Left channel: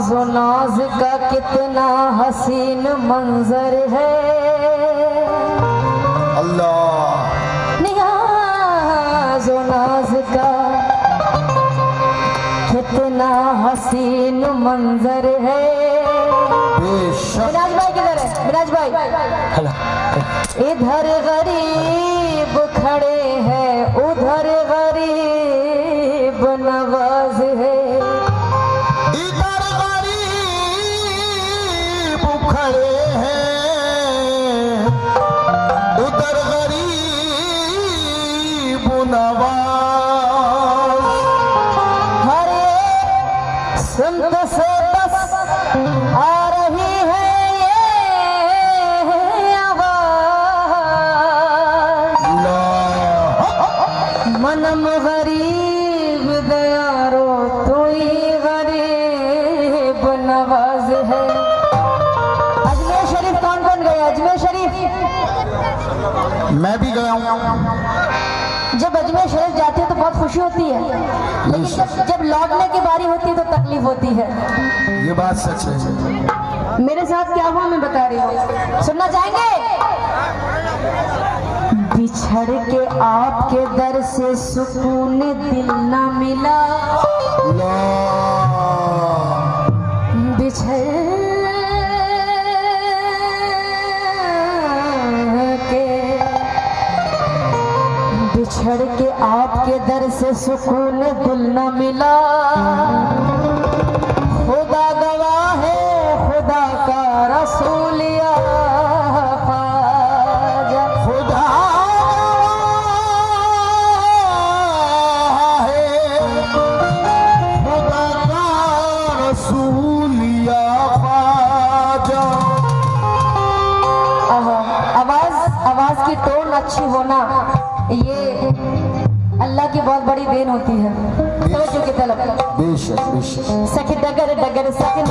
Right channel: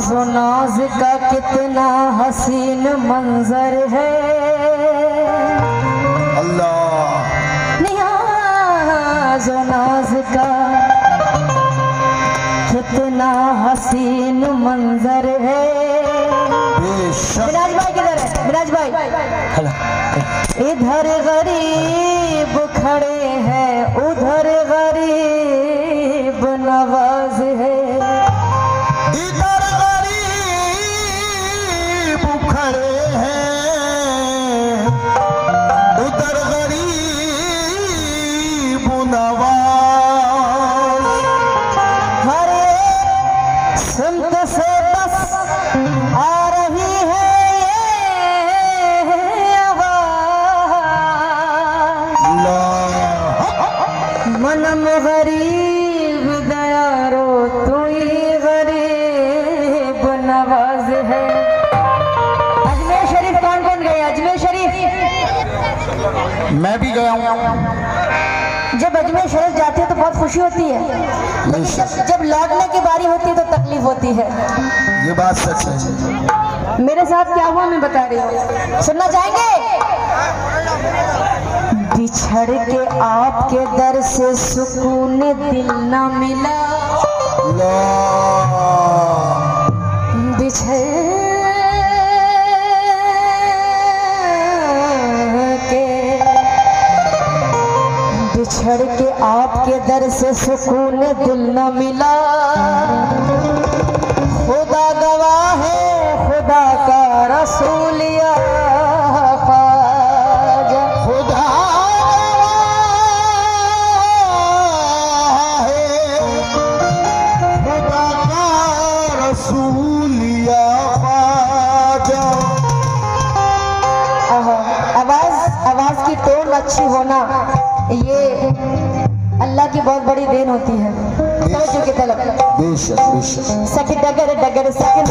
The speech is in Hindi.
नाज़ो नाज का कितना हसीन मंजर है। अल्लाह नाज़ो नाज का कितना हसीन मंजर है। मिराज भाई किधर है? मिराज भाई इधर गरीब खड़े हैं, उधर गरीब नवाज है। इधर गरीब खड़े हैं, उधर गरीब नवाज। हर एक सिमत से बस आ रही है ये आवाज। मनम गरीब दयारो तू ही गरीब नवाज है। अजमेर शरीफ कौन कौन गए? अजमेर शरीफ मैं भी गया हूँ। जब अजमेर शरीफ जाते हो तो बहुत खुशी होती है, लेकिन जब लौटने की बारी होती है तो तकलीफ होती है। ये बात सच है। मेरे साथ क्या हुआ मैं बता रही हूँ, सुनना चाहेंगे? बिछड़ के आपके दर से सुकून दिल न मिला, बिछड़ के आपके दर से सुकून दिल न मिला। खुदा गवाह है, खुदा का रसूल या ख्वाजा। खुदा है, खुदा का रसूल या ख्वाजा। आवाज की टोन अच्छी होना ये अल्लाह की बहुत बड़ी देन होती है। तवज्जो की तलब। बेशक बेशक। सखी डगर डगर सखी